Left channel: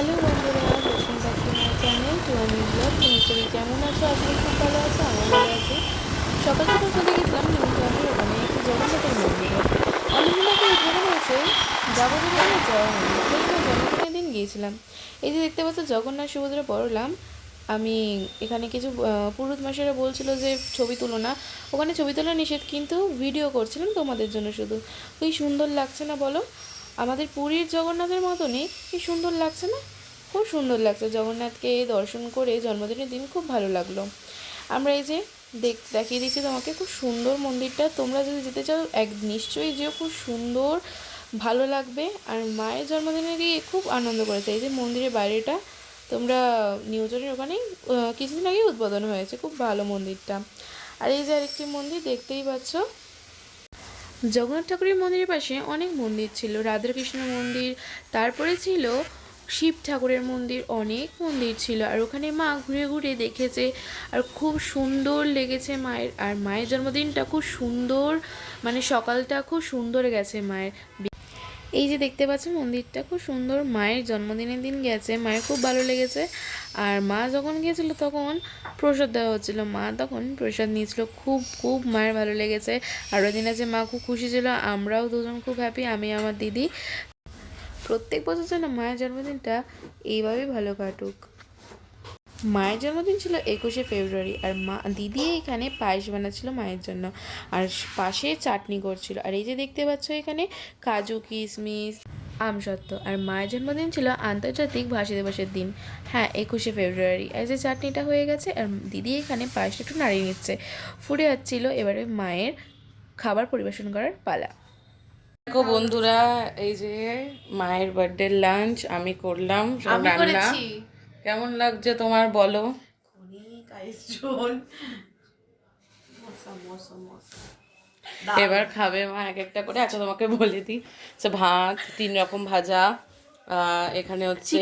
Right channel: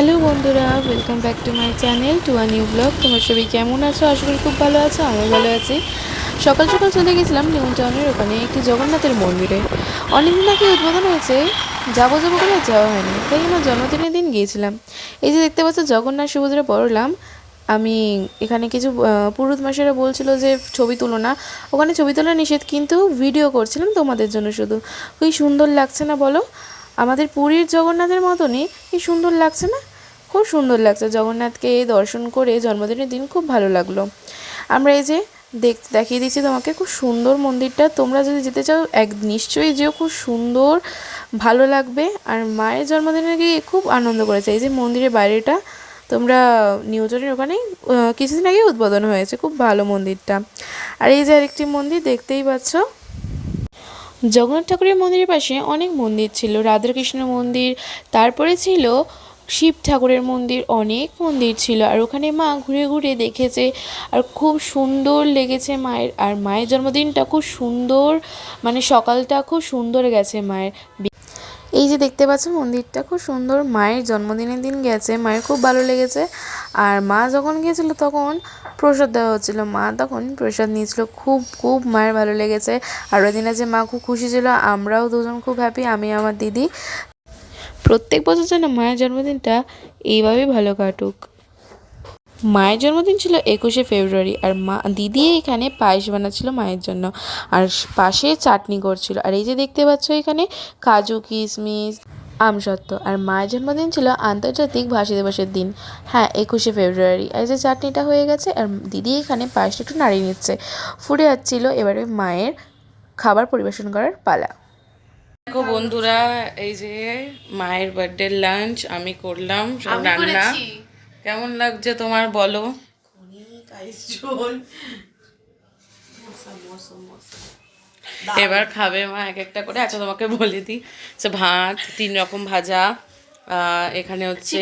Hello বন্ধুরা, welcome back to my channel to a new blog. তোমার সবাই কেমন আছো? আসলে খুব ভালো আছো, আমিও ভালো আছি। সকাল সকাল চলে গেছিলাম নিউ টাউনের ওখানে একটি জগন্নাথের মন্দিরে। অনেকদিন আগে উদ্বোধন হয়েছে, যাবো যাবো করে যাওয়া হয়নি, তাই আমার জন্মদিনের দিন গিয়েছিলাম। এই যে দেখতে পাচ্ছ জগন্নাথ সুভদ্রা বলরাম। আমি এখানে কিছু পুরোহিত মশাইরা বলছিল যে ছবি তুলো না, ওখানে ছবি তোলা নিষেধ, কিন্তু ভিডিও করছিলাম তোমাদের জন্য শুধু। খুবই সুন্দর লাগছে না বলো? আমাদের পুরীর জগন্নাথের মতনই কি সুন্দর লাগছে না? খুব সুন্দর লাগছে। জগন্নাথকে দর্শন করে জন্মদিনের দিন খুব ভালো লাগলো। আমরা এই যে দেখিয়ে দিচ্ছি তোমাকে, খুব সুন্দর মন্দিরটা। তোমরা যদি যেতে চাও নিশ্চয়ই যেও, খুব সুন্দর, ভালো লাগবে। আর মায়ের জন্মদিনে গিয়ে খুব আনন্দ করেছে। এই যে মন্দিরের বাইরেটা তোমরা নিউজনের ওখানেই কিছুদিন আগে উদ্বোধন হয়েছে, খুব ভালো মন্দিরটা। আর এই যে আরেকটি মন্দির দেখতেই পাচ্ছ। জগন্নাথ ঠাকুরের মন্দিরের পাশে অনেক মন্দির ছিল, রাধাকৃষ্ণ মন্দির, তারপরে ছিল শিব ঠাকুরের মন্দির, অনেক মন্দির ছিল। আর ওখানে মা ঘুরে ঘুরে দেখেছে, আর খুব সুন্দর লেগেছে মায়ের। আর মায়ের জন্মদিনটা খুব সুন্দর, মানে সকালটা খুব সুন্দর গেছে মায়ের। এই যে দেখতে পাচ্ছ মন্দিরটা খুব সুন্দর, মায়ের জন্মদিনের দিন গেছে, মায়ের খুব ভালো লেগেছে। আর মা যখন গিয়েছিল তখন প্রসাদ দেওয়া হচ্ছিলো, মা তখন প্রসাদ নিয়েছিল, খুব খুব মায়ের ভালো লেগেছে। আর ওই দিনে যে মা খুব খুশি ছিল, আমরাও দুজন খুব হ্যাপি, আমি আমার দিদি। প্রত্যেক বছর যেন মায়ের জন্মদিনটা এইভাবেই ভালো কাটুক। মায়ের জন্মদিন ছিল 21শে ফেব্রুয়ারি, আর দিদি এখানে পায়েস বানাচ্ছিল মায়ের জন্য, আর পাশে চাটনি করছিল। আর এই যে দেখতে পাচ্ছ এখানে কাজু কিশমিশ আমসত্ত্ব। আর মায়ের জন্মদিন ছিল আন্তর্জাতিক ভাষা দিবসের দিন, হ্যাঁ 21শে ফেব্রুয়ারি। আর যে চাটনিটা হয়ে গেছে, আর দিদি এখানে পায়েসটা একটু নাড়িয়ে নিচ্ছে, ফুটে যাচ্ছিল। এবারে মায়ের খাবার পরিবেশন করার পালা। দেখো বন্ধুরা, এই যে মায়ের বার্থডে লাঞ্চ আমি করলাম, সব রান্না। কেমন লাগছে তোমার বলো? এবার খাবে মা এক একটা করে। আচ্ছা তোমাকে বলে দিই, আচ্ছা ভাত, 3 রকম ভাজা, এখানে হচ্ছে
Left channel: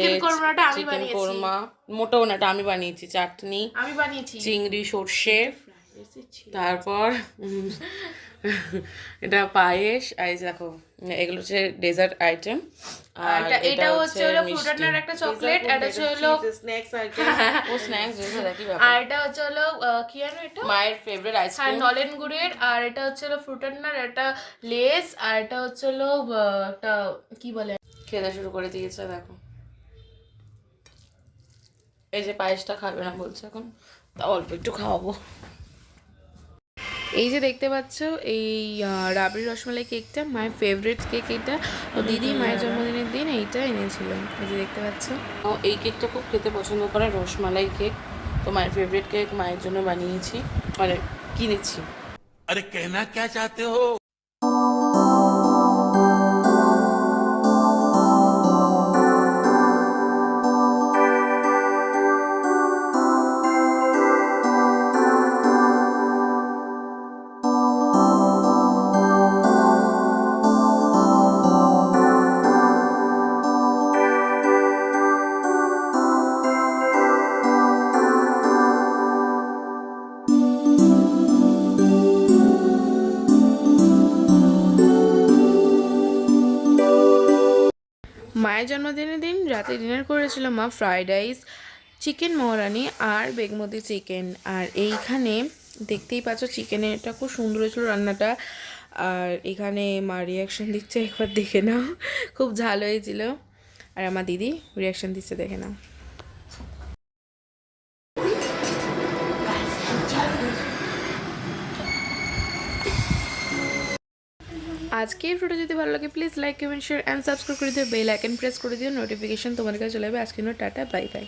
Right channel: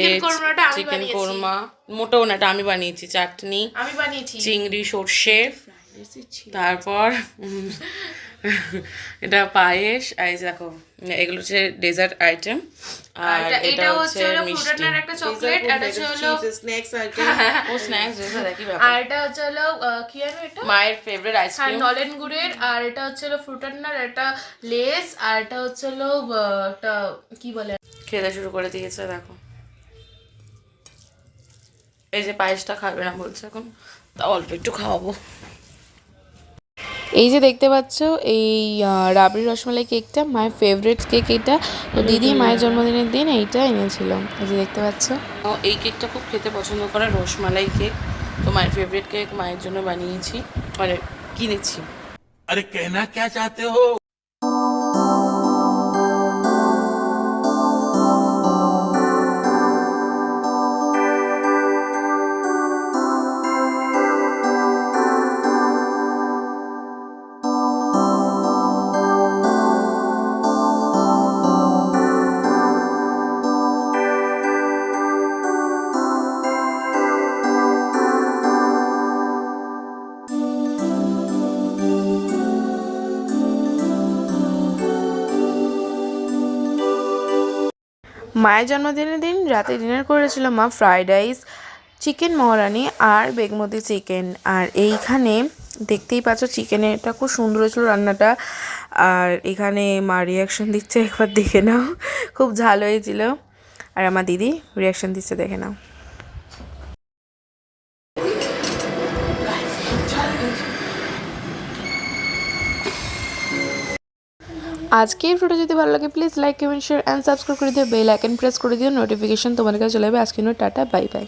চিকেন কোরমা, মোটাও না, এটা আমি বানিয়েছি, চাটনি, চিংড়ি সর্ষে, তারপর এটা পায়েস। এই দেখো এগুলো হচ্ছে ডেজার্ট আইটেম, আর এটা হচ্ছে মিষ্টি, একটা চকলেট, আর হচ্ছে হলো স্ন্যাক্স আইটেম। ও স্ন্যাক্স ডেজার্ট একই ব্যাপার। আর এটা হচ্ছে হলো কি জানো, এটা মায়ের ফেভারিট আইসক্রিম, নলেন গুড়ের। আর এটা হচ্ছে হলো ফ্রুটান্নার, এটা লেস। আর এটা হচ্ছে হলো একটা কি বলে, খেতে শুরু করে দিয়েছে দেখো। এই যে পায়েসটা খাবে না বলছে এখন, তা অল্প একটু খাওয়াবো। এই যে দেখতে পাচ্ছ এই রাবড়ি রসমালাই কেকটা, মায়ের ফেভারিট কেক এটা। তো দিদি মায়ের জন্মদিনের দিন এইটা এনেছিল, এই যে দেখতে পাচ্ছ। এই কেকটা খুব খেতে পছন্দ করে, রসমালাই কেক। তো মায়ের ফেভারিট কেক মায়ের জন্য বানিয়েছি, মানে কিনেছি। আরে কেনা কে চাতে হো? মায়ের জন্মদিনের দিন রাতে ডিনার করেছিল মা ফ্রাইড রাইস, চিকেন মহারানি আর বেগমতি চিকেন। আর এইখানে দেখতেই পাচ্ছ চিকেনের এটা খুব সুন্দর হয়েছিল রান্নাটা। আর এখানে মা রিয়াকশন দিচ্ছে, একবার দেখে নাও, খুব ঝাল হয়েছিল। আর আমার দিদি রিয়াকশন দিচ্ছে, দেখে নাও। আজকে এই ভিডিওটা যদি ভালো লাগে please like comment share and subscribe করে দিও, বেল আইকন প্রেস করে দিও, নোটিফিকেশন তোমাদের কাছে চলে যাবে। আজকে টাটা, বাই বাই।